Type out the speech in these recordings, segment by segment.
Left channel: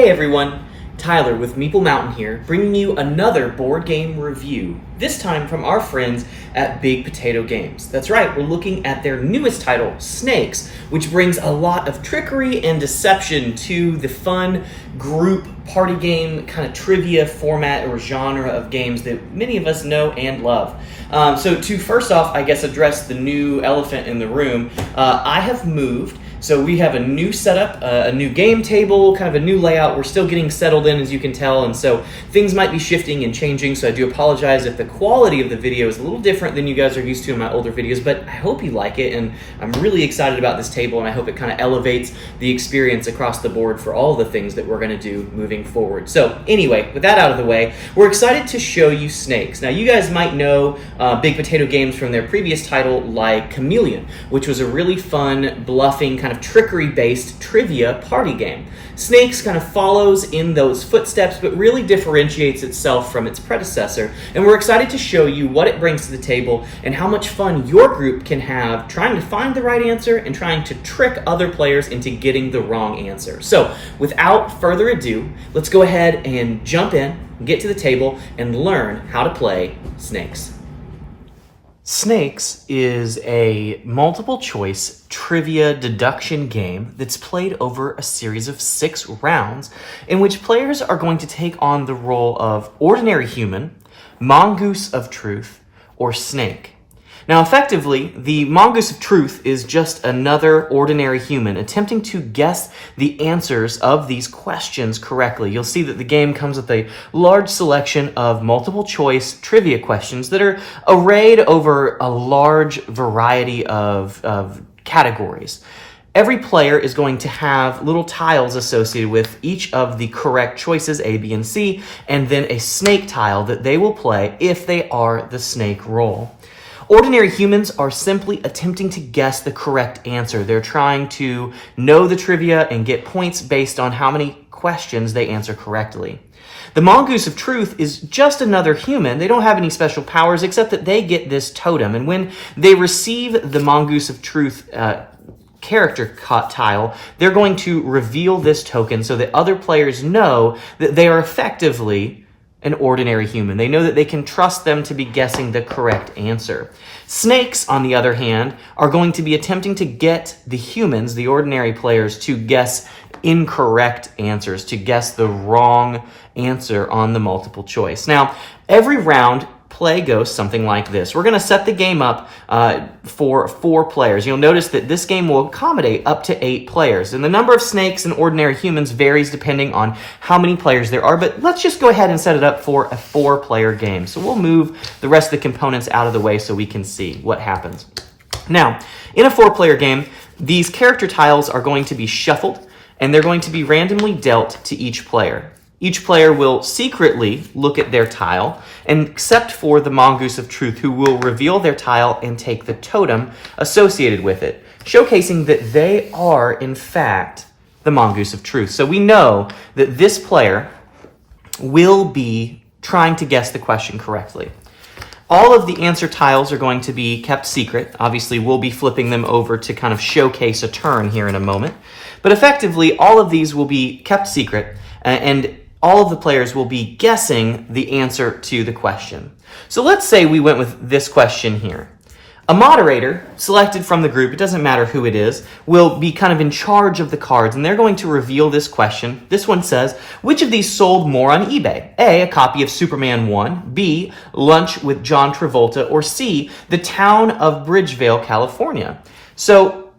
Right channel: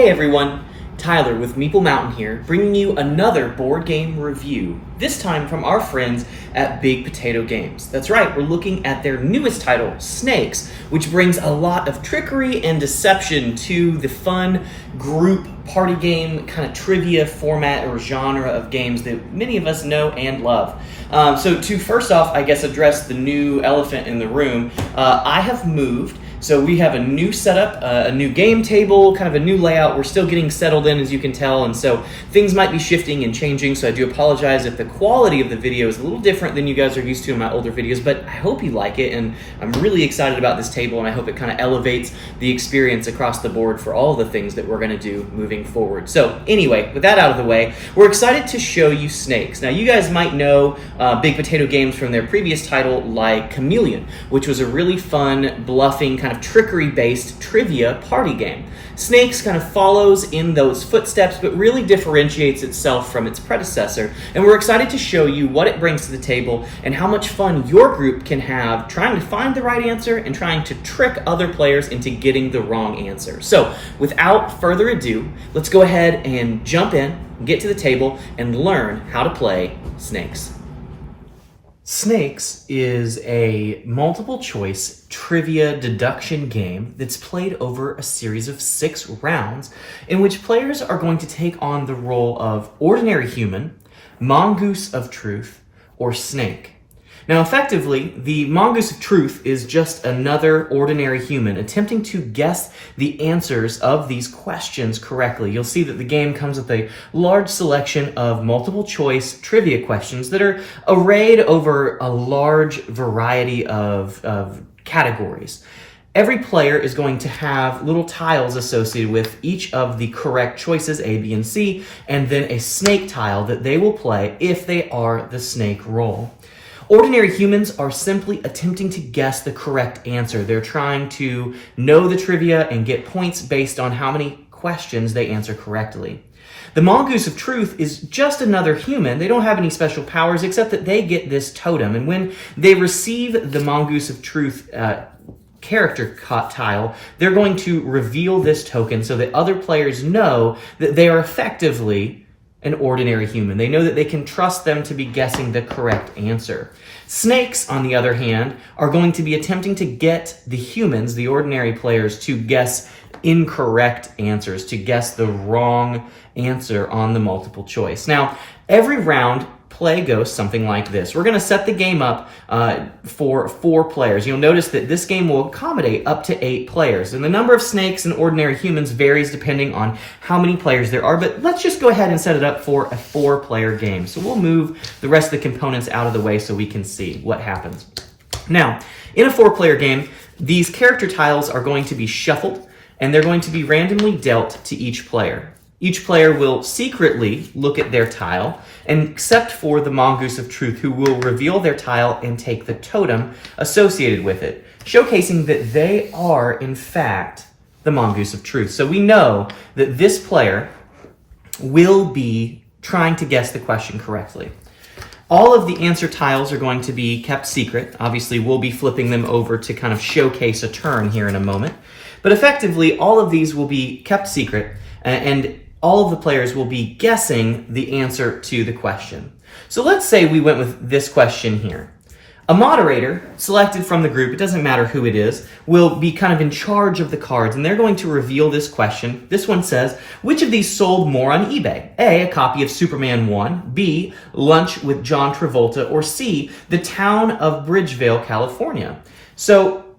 Hey everyone, Tyler with Meeple Mountain here, bringing you another board game review, this time from our friends at Big Potato Games. That's right, we're looking at their newest title, Snakes, which brings a lot of trickery and deception to the fun group party game kind of trivia format or genre of games that many of us know and love. So to first off, I guess, address the new elephant in the room, I have moved. So we have a new setup, a new game table, kind of a new layout. We're still getting settled in, as you can tell, and so things might be shifting and changing, so I do apologize if the quality of the video is a little different than you guys are used to in my older videos, but I hope you like it, and I'm really excited about this table, and I hope it kind of elevates the experience across the board for all the things that we're going to do moving forward. So anyway, with that out of the way, we're excited to show you Snakes. Now, you guys might know Big Potato Games from their previous title, like Chameleon, which was a really fun, bluffing, kind of trickery-based trivia party game. Snakes kind of follows in those footsteps, but really differentiates itself from its predecessor, and we're excited to show you what it brings to the table and how much fun your group can have trying to find the right answer and trying to trick other players into getting the wrong answer. So, without further ado, let's go ahead and jump in, get to the table, and learn how to play Snakes. Snakes is a multiple-choice trivia deduction game that's played over a series of 6 rounds in which players are going to take on the role of ordinary human, mongoose of truth, or snake. Now, effectively, the mongoose of truth is just another ordinary human attempting to guess the answers of these questions correctly. You'll see that the game comes with a large selection of multiple-choice trivia questions that are arrayed over a large variety of categories. Every player is going to have little tiles associated with each of the correct choices, A, B, and C, and then a snake tile that they will play if they are the snake role. Ordinary humans are simply attempting to guess the correct answer. They're trying to know the trivia and get points based on how many questions they answer correctly. The mongoose of truth is just another human. They don't have any special powers except that they get this totem. And when they receive the mongoose of truth character tile, they're going to reveal this token so that other players know that they are effectively an ordinary human. They know that they can trust them to be guessing the correct answer. Snakes, on the other hand, are going to be attempting to get the humans, the ordinary players, to guess incorrect answers, to guess the wrong answer on the multiple choice. Now, every round play goes something like this. We're going to set the game up for 4 players. You'll notice that this game will accommodate up to 8 players, and the number of snakes and ordinary humans varies depending on how many players there are, but let's just go ahead and set it up for a 4-player game. So we'll move the rest of the components out of the way so we can see what happens. Now, in a 4-player game, these character tiles are going to be shuffled, and they're going to be randomly dealt to each player. Each player will secretly look at their tile, except for the mongoose of truth, who will reveal their tile and take the totem associated with it, showcasing that they are, in fact, the mongoose of truth. So we know that this player will be trying to guess the question correctly. All of the answer tiles are going to be kept secret. Obviously, we'll be flipping them over to kind of showcase a turn here in a moment. But effectively, all of these will be kept secret, and all of the players will be guessing the answer to the question. So let's say we went with this question here. A moderator, selected from the group, it doesn't matter who it is, will be kind of in charge of the cards, and they're going to reveal this question. This one says, which of these sold more on eBay? A, a copy of Superman 1, B, Lunch with John Travolta, or C, the town of Bridgeville, California. So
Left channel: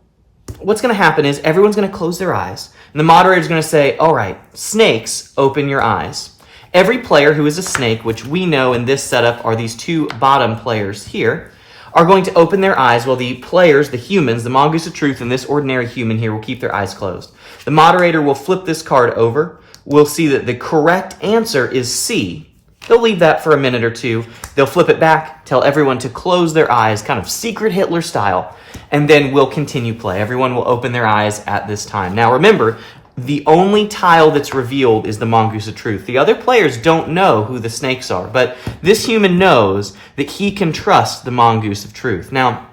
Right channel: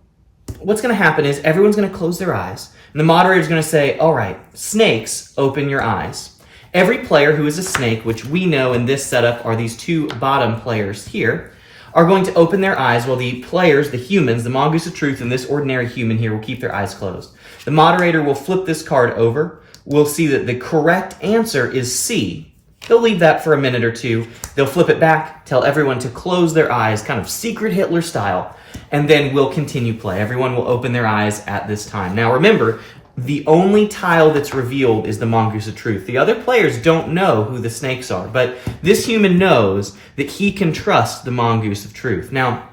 what's going to happen is everyone's going to close their eyes, and the moderator is going to say, all right, snakes, open your eyes. Every player who is a snake, which we know in this setup are these 2 bottom players here, are going to open their eyes while the players, the humans, the mongoose of truth, and this ordinary human here will keep their eyes closed. The moderator will flip this card over. We'll see that the correct answer is C. They'll leave that for a minute or 2. They'll flip it back, tell everyone to close their eyes, kind of secret Hitler style, and then we'll continue play. Everyone will open their eyes at this time. Now remember, the only tile that's revealed is the mongoose of truth. The other players don't know who the snakes are, but this human knows that he can trust the mongoose of truth. Now,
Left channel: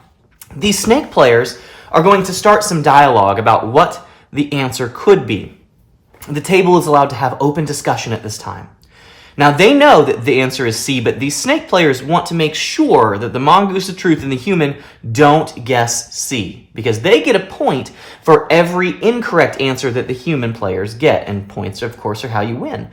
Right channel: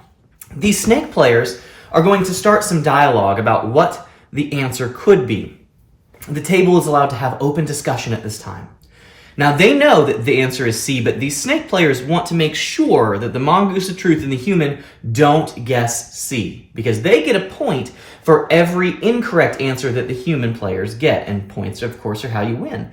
these snake players are going to start some dialogue about what the answer could be. The table is allowed to have open discussion at this time. Now, they know that the answer is C, but these snake players want to make sure that the mongoose of truth and the human don't guess C, because they get a point for every incorrect answer that the human players get, and points, of course, are how you win.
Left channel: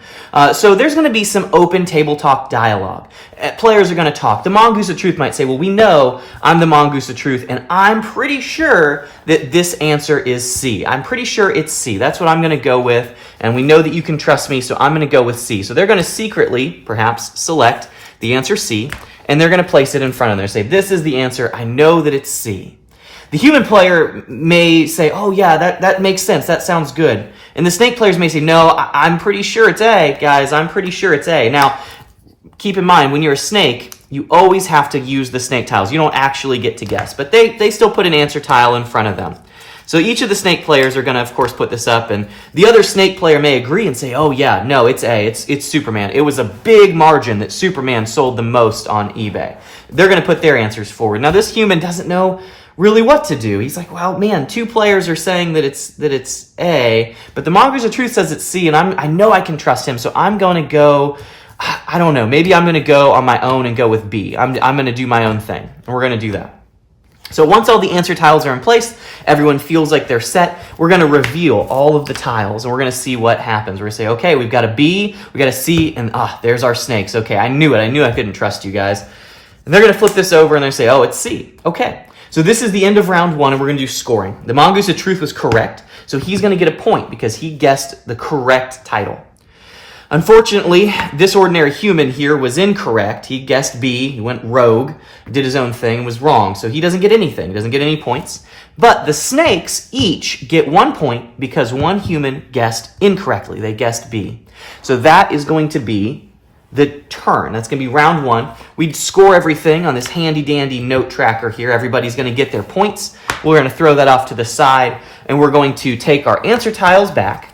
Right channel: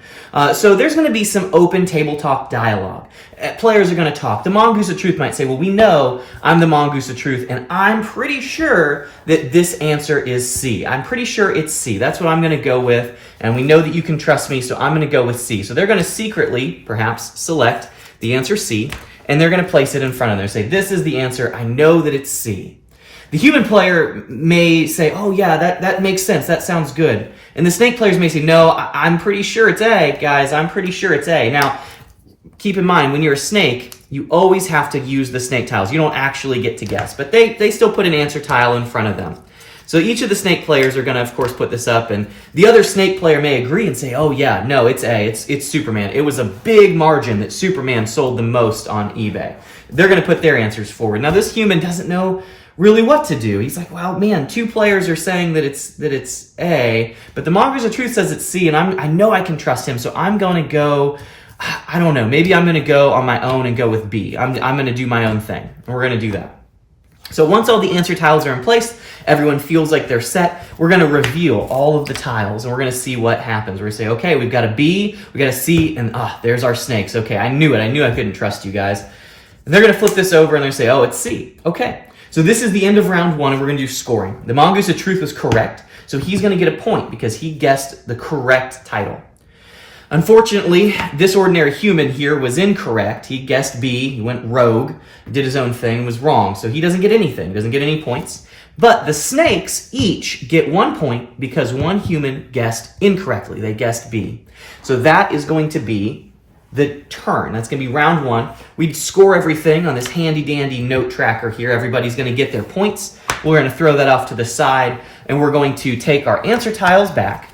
So there's going to be some open tabletop dialogue. Players are going to talk. The mongoose of truth might say, well, we know I'm the mongoose of truth, and I'm pretty sure that this answer is C. I'm pretty sure it's C. That's what I'm going to go with, and we know that you can trust me, so I'm going to go with C. So they're going to secretly, perhaps, select the answer C, and they're going to place it in front of them. Say, this is the answer. I know that it's C. The human player may say, oh yeah, that makes sense. That sounds good. And the snake players may say, no, I'm pretty sure it's A, guys. I'm pretty sure it's A. Now, keep in mind, when you're a snake, you always have to use the snake tiles. You don't actually get to guess, but they still put an answer tile in front of them. So each of the snake players are going to, of course, put this up, and the other snake player may agree and say, oh yeah, no, it's A, it's Superman. It was a big margin that Superman sold the most on eBay. They're going to put their answers forward. Now, this human doesn't know really what to do. He's like, well, man, two players are saying that it's A, but the mongoose of truth says it's C, and I know I can trust him, so I'm going to go, I don't know, maybe I'm going to go on my own and go with B. I'm going to do my own thing, and we're going to do that. So once all the answer tiles are in place, everyone feels like they're set, we're going to reveal all of the tiles, and we're going to see what happens. We're going to say, okay, we've got a B, we've got a C, and there's our snakes. Okay, I knew it. I knew I couldn't trust you guys. And they're going to flip this over, and they're going to say, oh, it's C. Okay. So this is the end of round one, and we're going to do scoring. The mongoose of truth was correct, so he's going to get a point because he guessed the correct title. Unfortunately, this ordinary human here was incorrect. He guessed B, he went rogue, did his own thing, was wrong, so he doesn't get anything. He doesn't get any points. But the snakes each get 1 point because one human guessed incorrectly. They guessed B. So that is going to be the turn. That's going to be round one. We'd score everything on this handy-dandy note tracker here. Everybody's going to get their points. We're going to throw that off to the side, and we're going to take our answer tiles back.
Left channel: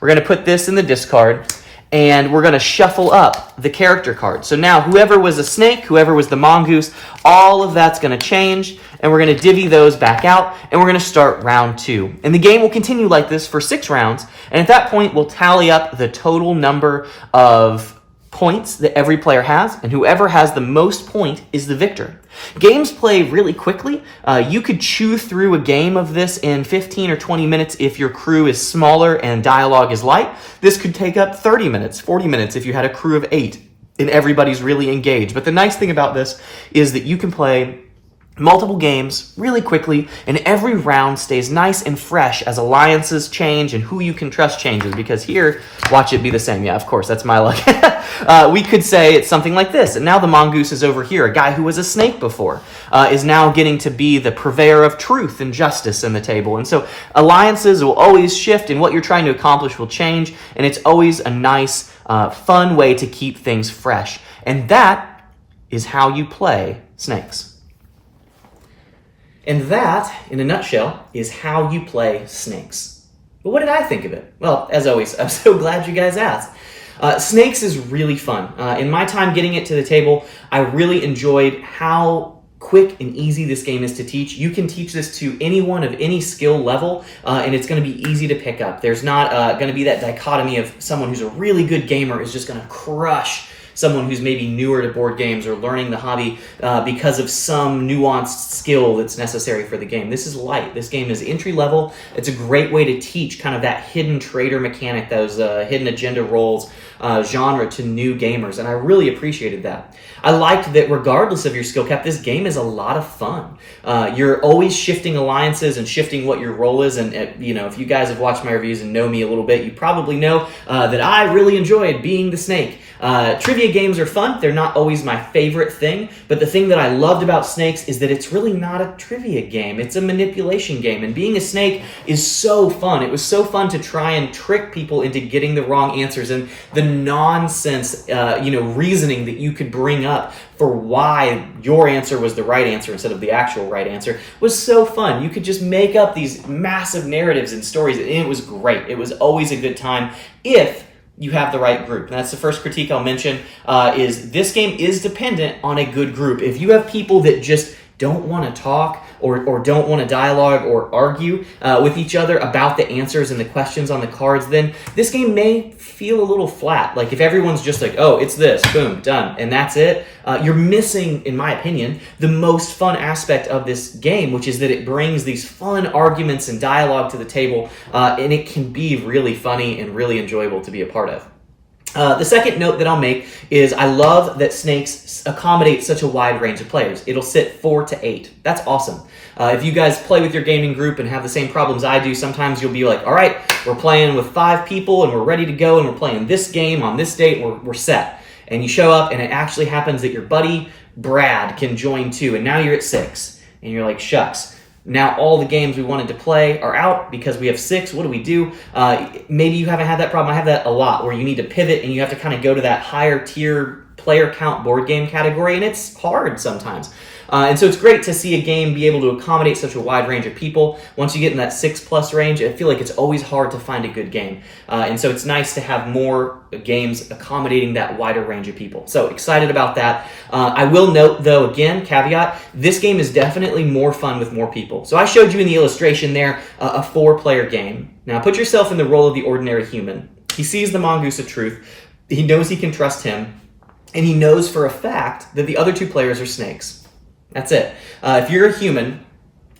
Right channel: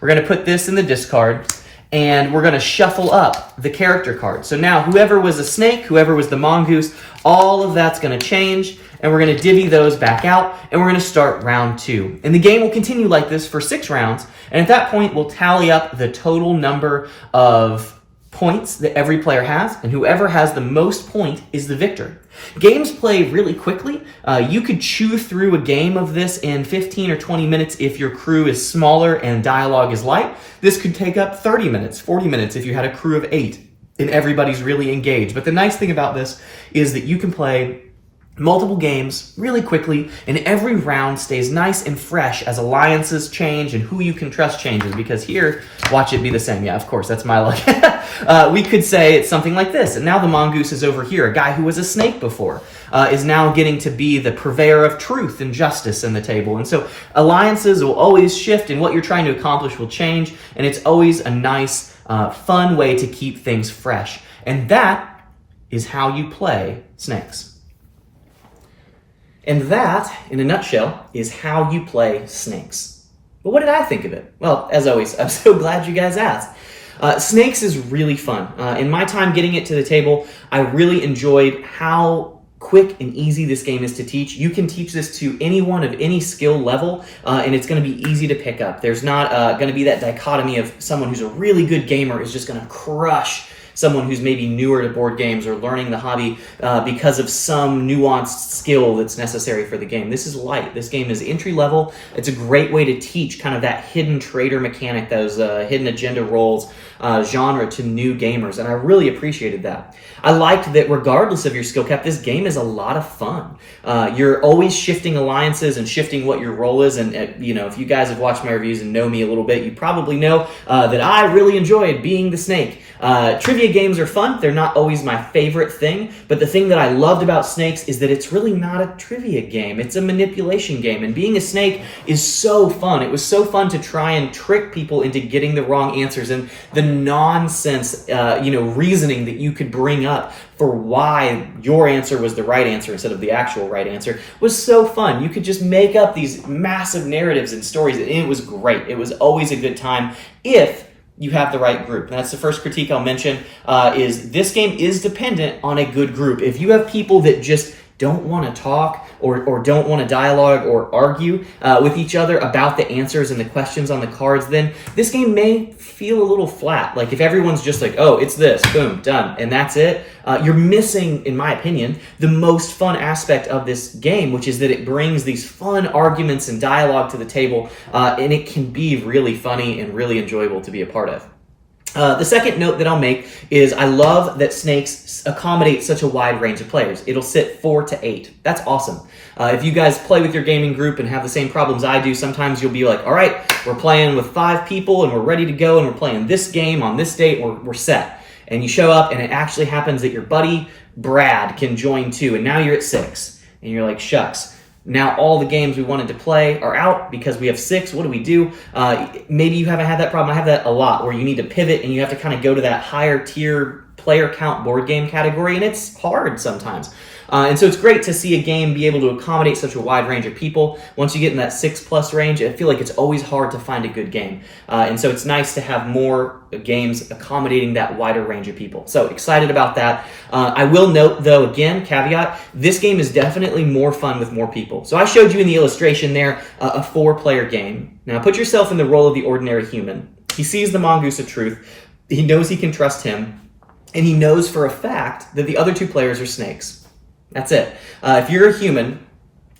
We're going to put this in the discard, and we're going to shuffle up the character card. So now whoever was a snake, whoever was the mongoose, all of that's going to change, and we're going to divvy those back out, and we're going to start round two. And the game will continue like this for 6 rounds, and at that point, we'll tally up the total number of points that every player has, and whoever has the most point is the victor. Games play really quickly. You could chew through a game of this in 15 or 20 minutes if your crew is smaller and dialogue is light. This could take up 30 minutes, 40 minutes if you had a crew of 8 and everybody's really engaged. But the nice thing about this is that you can play multiple games really quickly, and every round stays nice and fresh as alliances change and who you can trust changes, because here, watch it be the same. Yeah, of course, that's my luck. We could say it's something like this, and now the mongoose is over here. A guy who was a snake before is now getting to be the purveyor of truth and justice in the table. And so alliances will always shift, and what you're trying to accomplish will change, and it's always a nice, fun way to keep things fresh. And that is how you play snakes. And that, in a nutshell, is how you play snakes. But what did I think of it? Well, as always, I'm so glad you guys asked. Snakes is really fun. In my time getting it to the table, I really enjoyed how quick and easy this game is to teach. You can teach this to anyone of any skill level, and it's going to be easy to pick up. There's not going to be that dichotomy of someone who's a really good gamer is just going to crush someone who's maybe newer to board games or learning the hobby because of some nuanced skill that's necessary for the game. This is light. This game is entry level. It's a great way to teach kind of that hidden trader mechanic, those hidden agenda roles genre to new gamers, and I really appreciated that. I liked that regardless of your skill cap, this game is a lot of fun. You're always shifting alliances and shifting what your role is, and if you guys have watched my reviews and know me a little bit, you probably know that I really enjoyed being the snake. Trivia games are fun. They're not always my favorite thing, but the thing that I loved about snakes is that it's really not a trivia game. It's a manipulation game, and being a snake is so fun. It was so fun to try and trick people into getting the wrong answers, and the nonsense, reasoning that you could bring up for why your answer was the right answer instead of the actual right answer was so fun. You could just make up these massive narratives and stories, and it was great. It was always a good time if you have the right group. And that's the first critique I'll mention, is this game is dependent on a good group. If you have people that just don't want to talk or don't want to dialogue or argue with each other about the answers and the questions on the cards, then this game may feel a little flat. Like if everyone's just like, oh, it's this, boom, done, and that's it, you're missing, in my opinion, the most fun aspect of this game, which is that it brings these fun arguments and dialogue to the table, and it can be really funny and really enjoyable to be a part of. The second note that I'll make is I love that Snakes accommodate such a wide range of players. It'll sit 4 to 8. That's awesome. If you guys play with your gaming group and have the same problems I do, sometimes you'll be like, all right, we're playing with 5 people and we're ready to go and we're playing this game on this date, we're set. And you show up and it actually happens that your buddy Brad can join too, and now you're at 6. And you're like, shucks. Now all the games we wanted to play are out because we have 6. What do we do? Maybe you haven't had that problem. I have that a lot, where you need to pivot and you have to kind of go to that higher tier player count board game category, and it's hard sometimes. And so it's great to see a game be able to accommodate such a wide range of people. Once you get in that 6+ range, I feel like it's always hard to find a good game. And so it's nice to have more games accommodating that wider range of people. So excited about that. I will note, though, again, caveat, this game is definitely more fun with more people. So I showed you in the illustration there a 4-player game. Now put yourself in the role of the ordinary human. He sees the mongoose of truth. He knows he can trust him. And he knows for a fact that the other 2 players are snakes. That's it. If you're a human,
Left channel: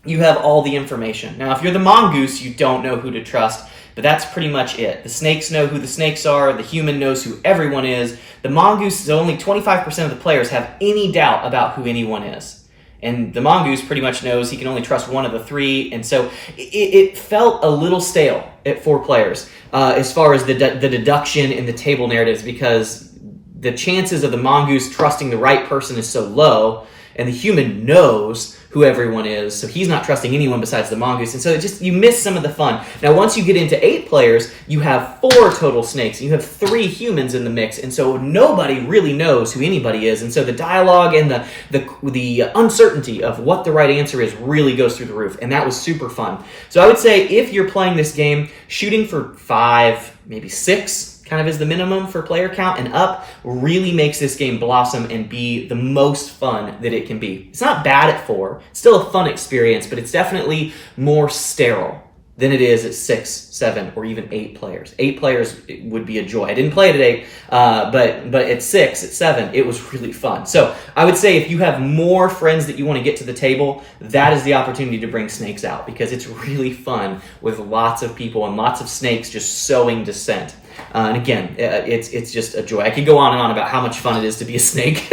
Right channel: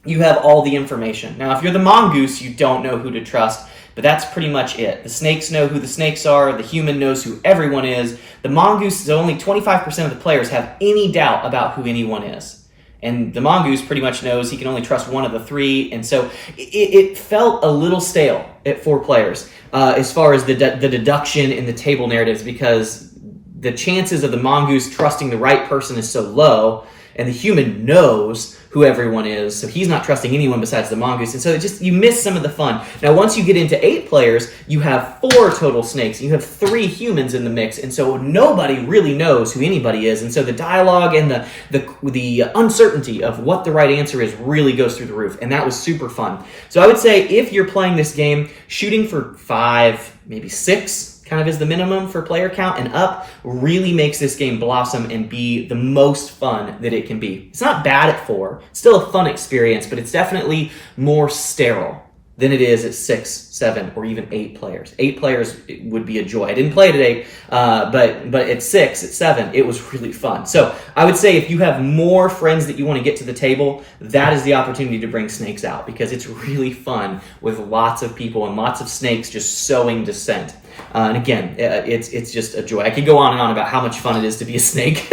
you have all the information. Now, if you're the mongoose, you don't know who to trust, but that's pretty much it. The snakes know who the snakes are. The human knows who everyone is. The mongoose is only 25% of the players have any doubt about who anyone is. And the mongoose pretty much knows he can only trust one of the 3. And so it felt a little stale at 4 players as far as the deduction in the table narratives, because the chances of the mongoose trusting the right person is so low, and the human knows who everyone is, so he's not trusting anyone besides the mongoose, and so you miss some of the fun. Now, once you get into 8 players, you have 4 total snakes, and you have 3 humans in the mix, and so nobody really knows who anybody is, and so the dialogue and the uncertainty of what the right answer is really goes through the roof, and that was super fun. So I would say if you're playing this game, shooting for 5, maybe 6, kind of is the minimum for player count and up, really makes this game blossom and be the most fun that it can be. It's not bad at 4. It's still a fun experience, but it's definitely more sterile than it is at 6, 7, or even 8 players. 8 players would be a joy. I didn't play it at 8, but at 6, at 7, it was really fun. So I would say if you have more friends that you want to get to the table, that is the opportunity to bring snakes out, because it's really fun with lots of people and lots of snakes just sowing dissent. And again, it's just a joy. I could go on and on about how much fun it is to be a snake,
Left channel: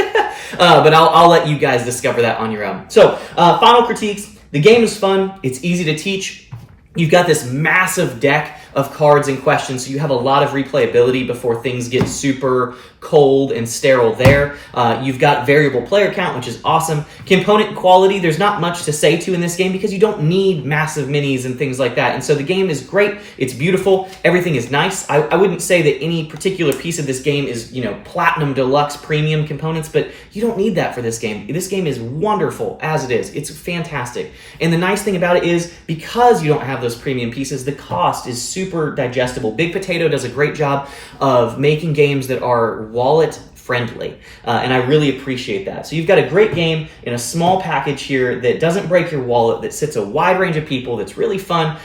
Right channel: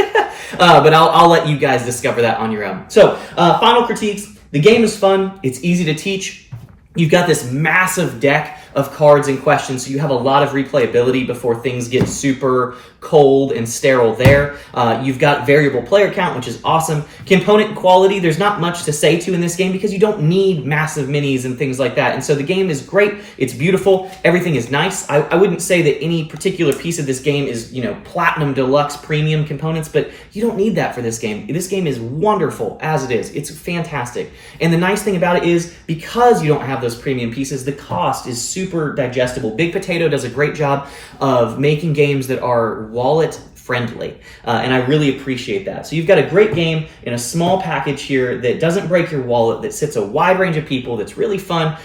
but I'll let you guys discover that on your own. So final critiques. The game is fun. It's easy to teach. You've got this massive deck of cards and questions, so you have a lot of replayability before things get super cold and sterile there. You've got variable player count, which is awesome. Component quality, there's not much to say to in this game because you don't need massive minis and things like that. And so the game is great. It's beautiful. Everything is nice. I wouldn't say that any particular piece of this game is, platinum deluxe premium components, but you don't need that for this game. This game is wonderful as it is. It's fantastic. And the nice thing about it is, because you don't have those premium pieces, the cost is super digestible. Big Potato does a great job of making games that are wallet friendly, and I really appreciate that. So you've got a great game in a small package here that doesn't break your wallet, that sits a wide range of people, that's really fun.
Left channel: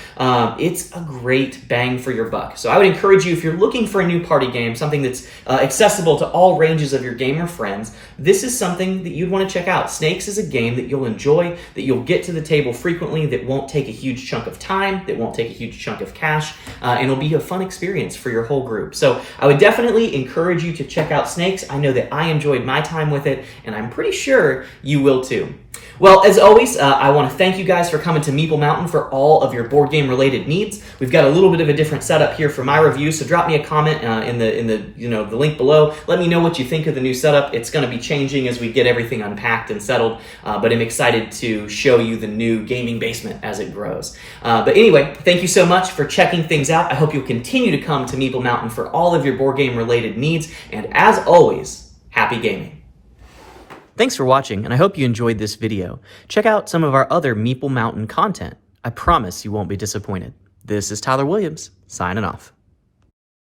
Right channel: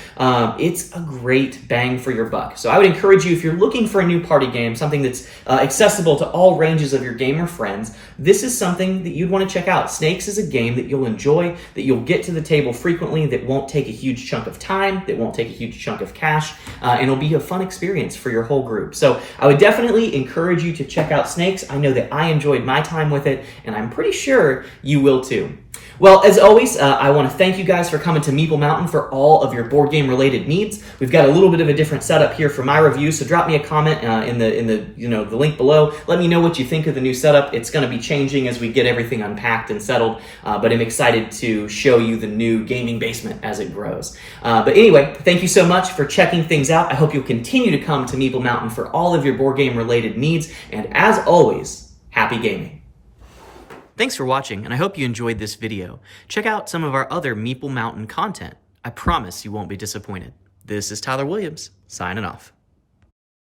It's a great bang for your buck. So I would encourage you, if you're looking for a new party game, something that's accessible to all ranges of your gamer friends, this is something that you'd want to check out. Snakes is a game that you'll enjoy, that you'll get to the table frequently, that won't take a huge chunk of time, that won't take a huge chunk of cash, and it'll be a fun experience for your whole group. So I would definitely encourage you to check out Snakes. I know that I enjoyed my time with it, and I'm pretty sure you will too. Well, as always, I want to thank you guys for coming to Meeple Mountain for all of your board game related needs. We've got a little bit of a different setup here for my review, so drop me a comment in the link below. Let me know what you think of the new setup. It's going to be changing as we get everything unpacked and settled, but I'm excited to show you the new gaming basement as it grows. But anyway, thank you so much for checking things out. I hope you'll continue to come to Meeple Mountain for all of your board game related needs, and as always, happy gaming. Thanks for watching, and I hope you enjoyed this video. Check out some of our other Meeple Mountain content. I promise you won't be disappointed. This is Tyler Williams, signing off.